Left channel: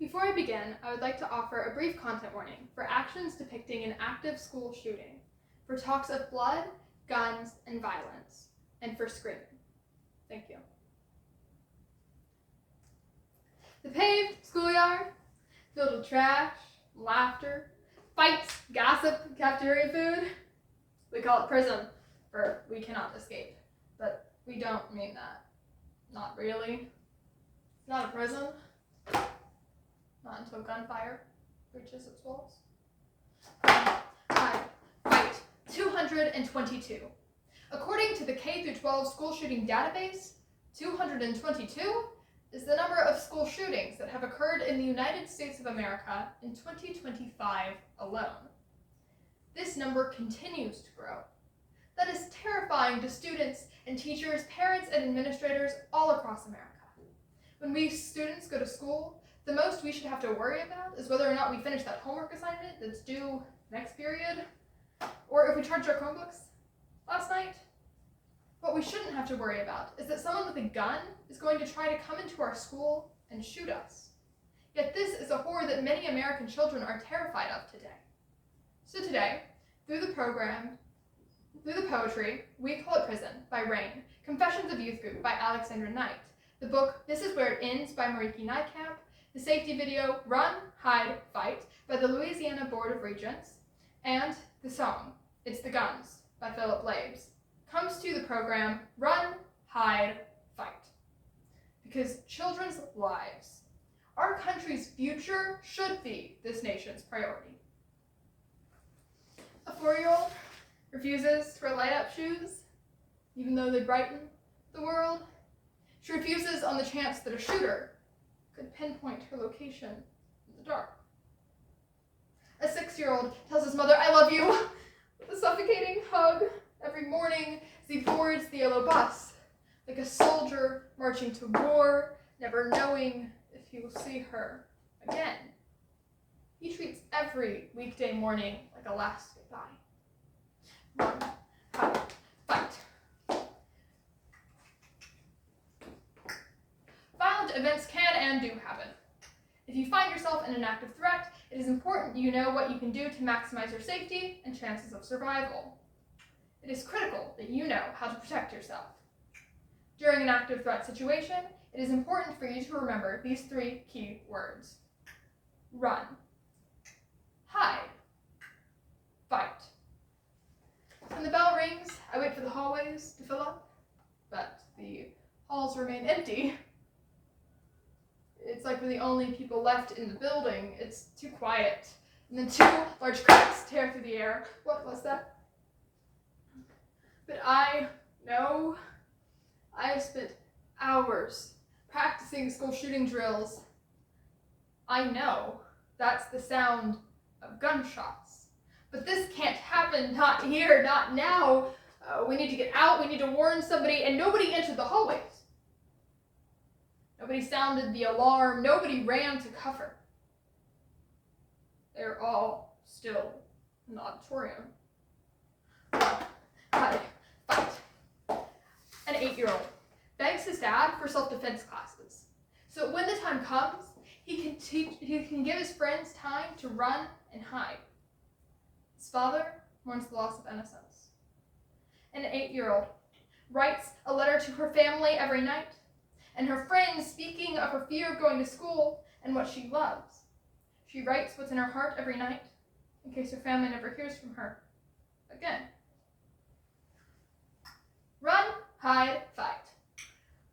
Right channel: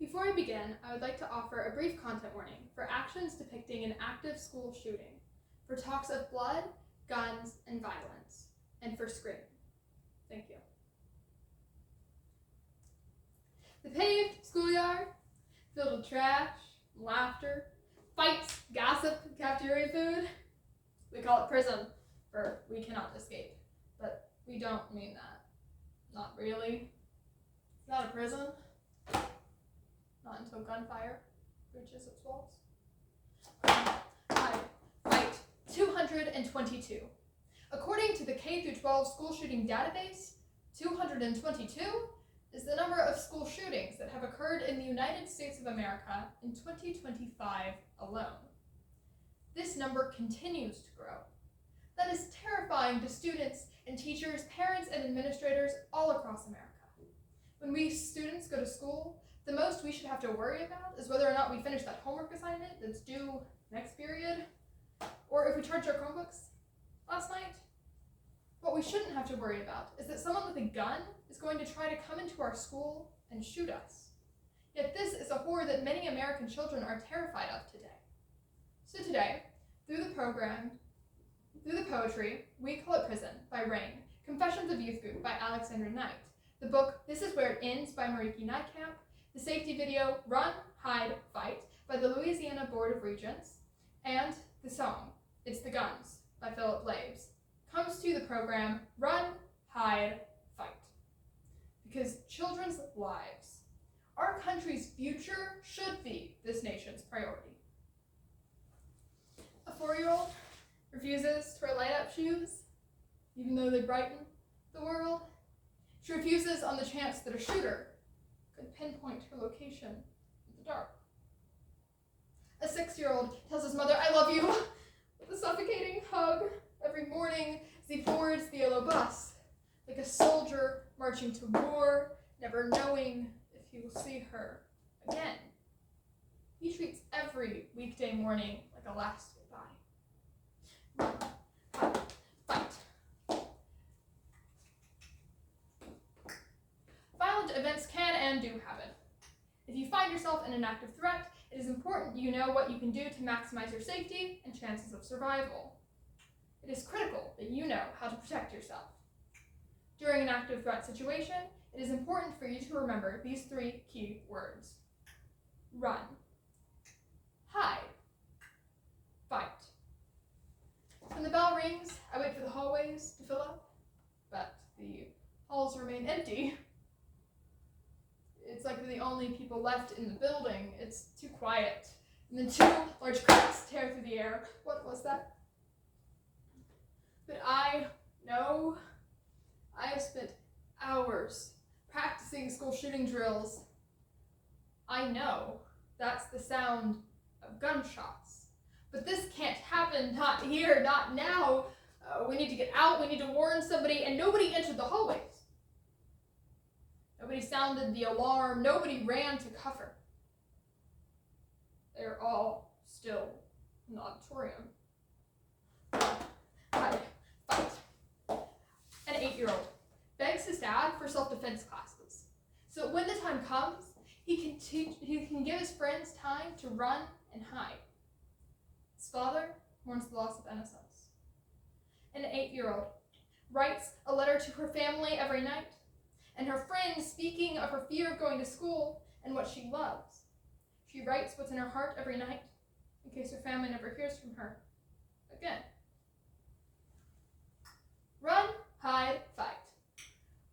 Before I begin, I would like to offer a brief content warning for actions depicting an active school shooting, for talks of blood, guns, and violence, and for screaming. Thank you. The paved schoolyard, filled with trash, laughter, fights, gossip, cafeteria food. We call it prison, for we cannot escape, but we don't mean that. Not really. It's not a prison. Not until gunfire reaches its walls. Fight 222. According to the K-12 school shooting database, 222 is the number of school shootings that have occurred in the United States of America in 2025 alone. This number continues to grow. That is terrifying to students and teachers, parents, and administrators all across America. When we students go to school, the most we should have to worry about is whether or not we finish that homework assignment that's due next period, or if we charged our Chromebooks last night. What we shouldn't have to worry about is that someone with a gun is going to try to come into our school and shoot us. Yet this is a horror that many American children are terrified of today. So today, through the poetry, We Call It Prison by Rain, Confessions of Youth Group by Alexandra Knight, the book This Is Where It Ends by Mariki Nightcap, the safety video Run, Hide, Fight by the Louisiana Board of Regents, and the song It's the Guns by Philip Labes, comes to the program Run, Hide, Fight. Because children's lives, our country's future, should be this nation's priority. A 4-year-old refuses to wear light-up shoes, even though they brighten the world. She refuses on the chance that a shooter could pinpoint her location in the dark. A 6-year-old tells his mother, "I love you," with a suffocating hug every morning as he boards the yellow bus, like a soldier marching to war, never knowing if he will see her again. He treats every weekday morning like a last goodbye. Run, hide, fight. Violent events can and do happen. If you find yourself in an active threat, it is important you know what you can do to maximize your safety and chances of survival. It is critical that you know how to protect yourself. During an active threat situation, it is important for you to remember these 3 key words. Run, hide, fight. When the bell rings, I wait for the hallways to fill up, but the halls remain empty. It's like we're the only people left in the building. It's too quiet. And then 2 large cracks tear through the air. What was that? But I know I have spent hours practicing school shooting drills. I know that's the sound of gunshots. But this can't happen, not here, not now. We need to get out, we need to warn somebody, and nobody entered the hallways. Nobody sounded the alarm, nobody ran to cover. They're all still in the auditorium. Run, hide, fight. An 8-year-old begs his dad for self-defense classes. So when the time comes, he can give his friends time to run and hide. His father mourns the loss of innocence. An 8-year-old writes a letter to her family every night, and her friends speaking of her fear of going to school and what she loves. She writes what's in her heart every night, in case her family never hears from her again. Run, hide, fight.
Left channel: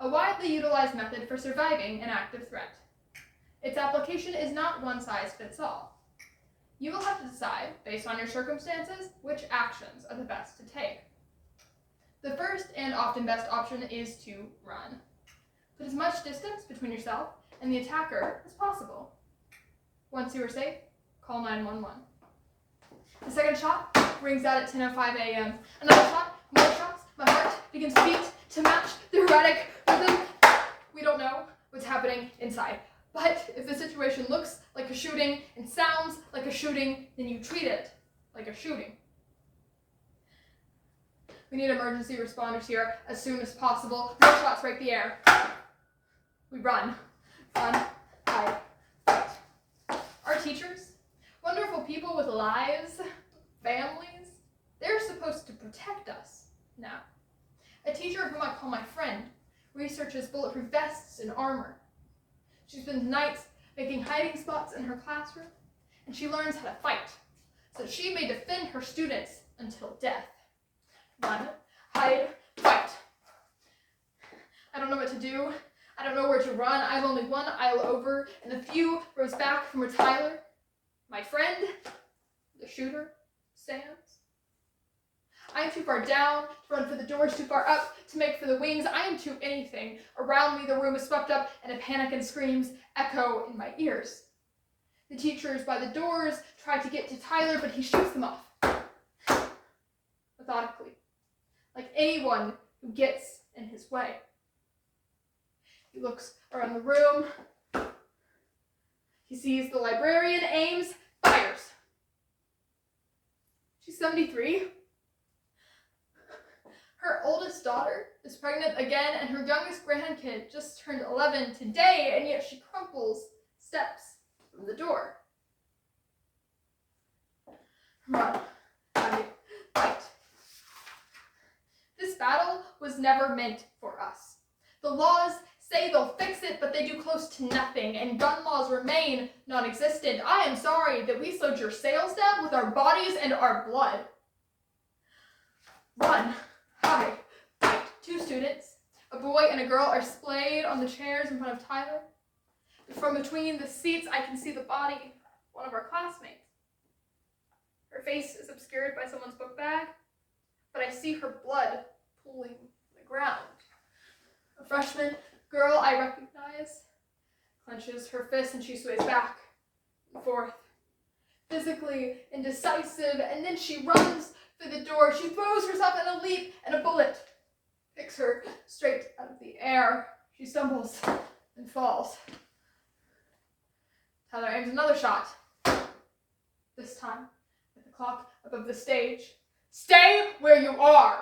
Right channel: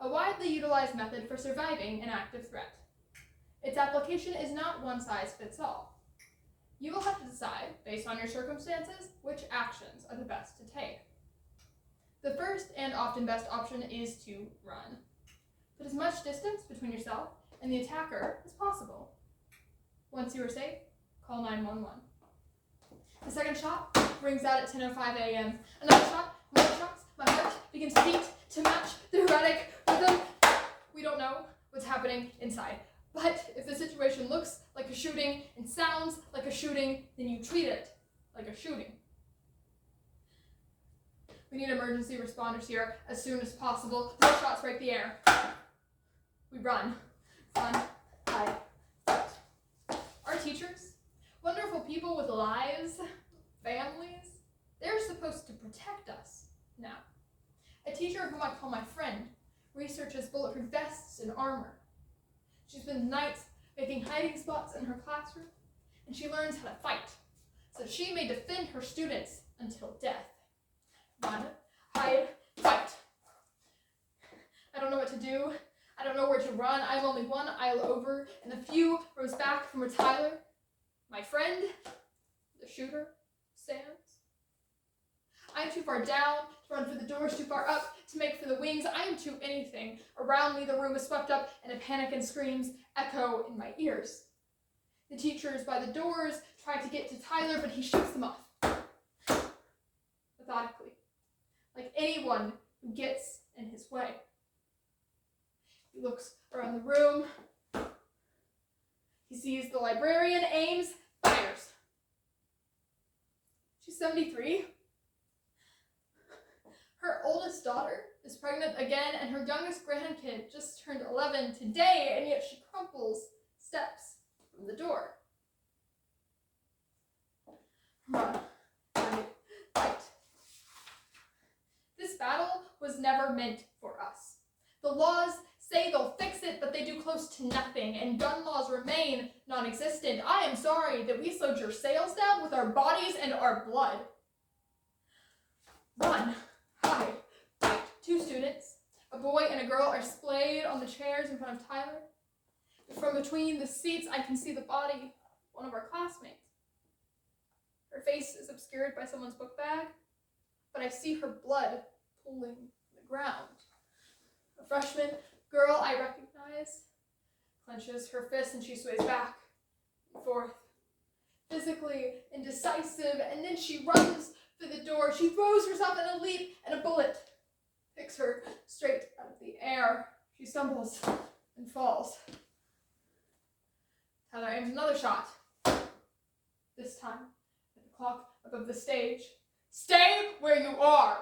A widely utilized method for surviving an active threat. Its application is not one size fits all. You will have to decide, based on your circumstances, which actions are the best to take. The first and often best option is to run. Put as much distance between yourself and the attacker as possible. Once you are safe, call 911. The second shot rings out at 10:05 a.m. Another shot, more shots, my heart begins to beat to match the erratic rhythm. We don't know what's happening inside. But if the situation looks like a shooting and sounds like a shooting, then you treat it like a shooting. We need emergency responders here as soon as possible. More shots break the air. We run, hide, fight. teachers, wonderful people with lives, families, they're supposed to protect us now. A teacher whom I call my friend researches bulletproof vests and armor. She spends nights making hiding spots in her classroom, and she learns how to fight so that she may defend her students until death. Run, hide, fight. I don't know what to do. I don't know where to run. I'm only one aisle over and a few rows back from where Tyler, my friend, the shooter, stands. I am too far down to run for the doors, too far up to make for the wings. I am too anything. Around me, the room is swept up, and a panic and screams echo in my ears. The teachers by the doors try to get to Tyler, but he shoots them off. Methodically, like anyone who gets in his way. He looks around the room. He sees the librarian, aims, fires. She's 73. Her oldest daughter is pregnant again, and her youngest grandkid just turned 11 today, and yet she crumples steps from the door. Run, hide, fight. This battle was never meant for us. The laws say they'll fix it, but they do close to nothing, and gun laws remain non-existent. I am sorry that we slowed your sales down with our bodies and our blood. Run, hide, fight. Two students, a boy and a girl, are splayed on the chairs in front of Tyler. From between the seats, I can see the body of one of our classmates. Her face is obscured by someone's book bag, but I see her blood pooling the ground. A freshman girl I recognize clenches her fist and she sways back and forth, physically indecisive, and then she runs for the door. She throws herself in a leap, and a bullet picks her straight out of the air. She stumbles and falls. Tyler aims another shot, this time at the clock above the stage. Stay where you are!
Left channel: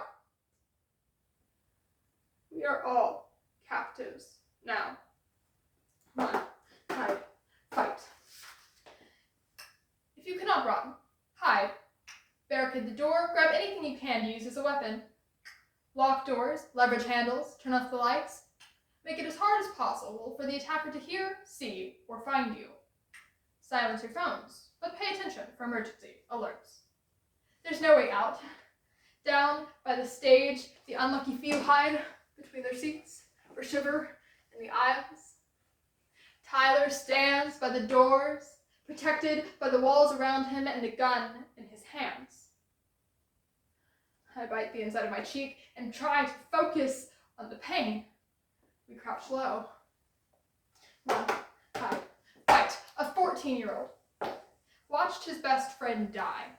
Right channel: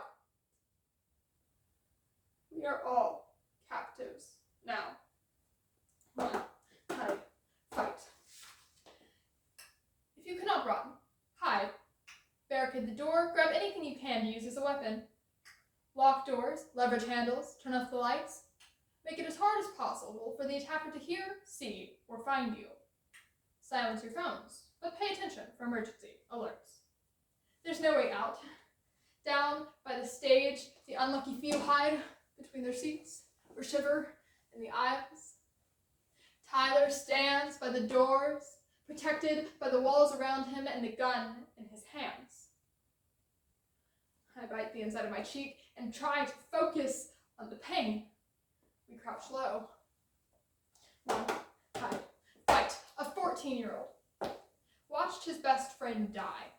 We are all captives now. Run, hide, fight. If you cannot run, hide. Barricade the door, grab anything you can to use as a weapon. Lock doors, leverage handles, turn off the lights. Make it as hard as possible for the attacker to hear, see, or find you. Silence your phones, but pay attention for emergency alerts. There's no way out. Down by the stage, the unlucky few hide between their seats or shiver in the aisles. Tyler stands by the doors, protected by the walls around him and the gun in his hands. I bite the inside of my cheek and try to focus on the pain. We crouch low. Run, hide, fight. A 14-year-old watched his best friend die.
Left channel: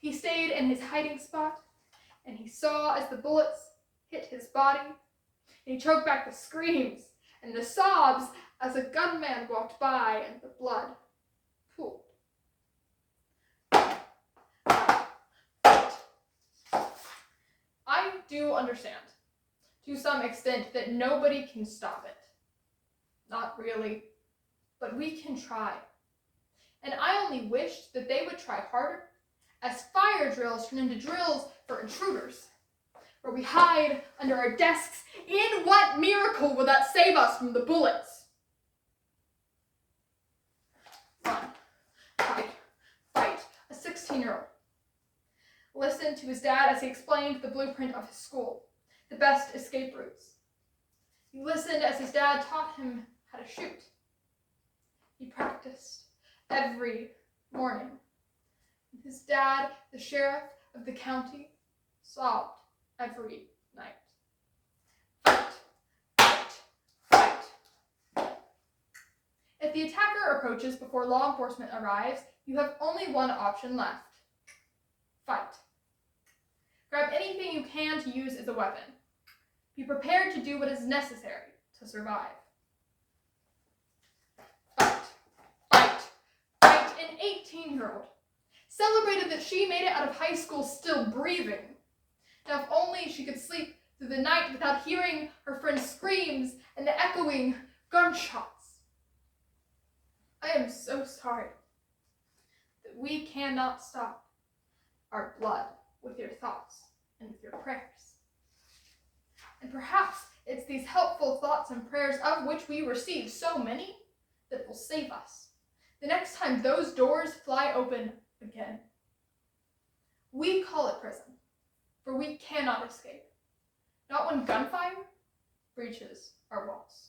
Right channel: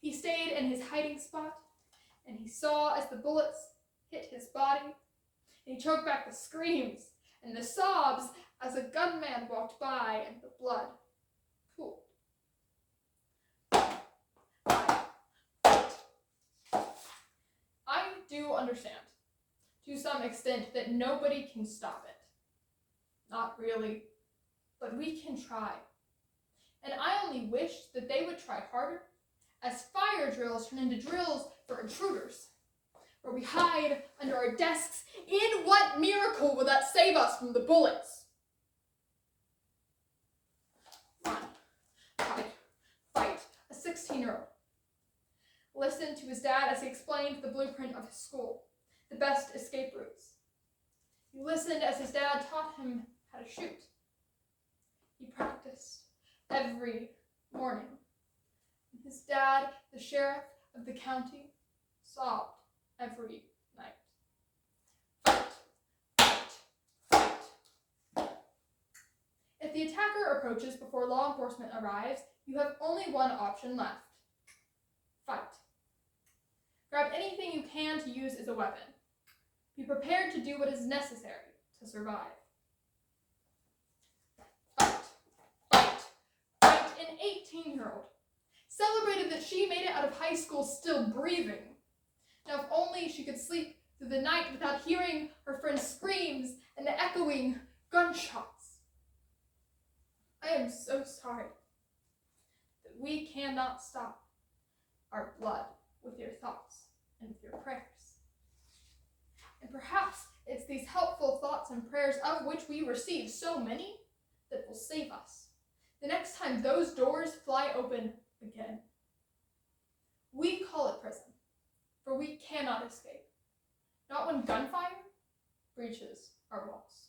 He stayed in his hiding spot, and he saw as the bullets hit his body, and he choked back the screams and the sobs as a gunman walked by and the blood pooled. I do understand, to some extent, that nobody can stop it. Not really, but we can try. And I only wished that they would try harder, as fire drills turn into drills for intruders, where we hide under our desks. In what miracle will that save us from the bullets? Run, hide, fight. A 16-year-old listened to his dad as he explained the blueprint of his school, the best escape routes. He listened as his dad taught him how to shoot. He practiced every morning. His dad, the sheriff of the county, sobbed every night. Fight, fight, fight. If the attacker approaches before law enforcement arrives, you have only one option left. Fight. Grab anything you can to use as a weapon. Be prepared to do what is necessary to survive. Fight, fight, fight. An 18-year-old celebrated that she made it out of high school still breathing. Now, if only she could sleep through the night without hearing her friend's screams and the echoing gunshots. I am so sorry that we cannot stop our blood with your thoughts and with your prayers. And perhaps it's these helpful thoughts and prayers, of which we receive so many, that will save us the next time those doors fly open again. We call it prison, for we cannot escape, not when gunfire breaches our walls.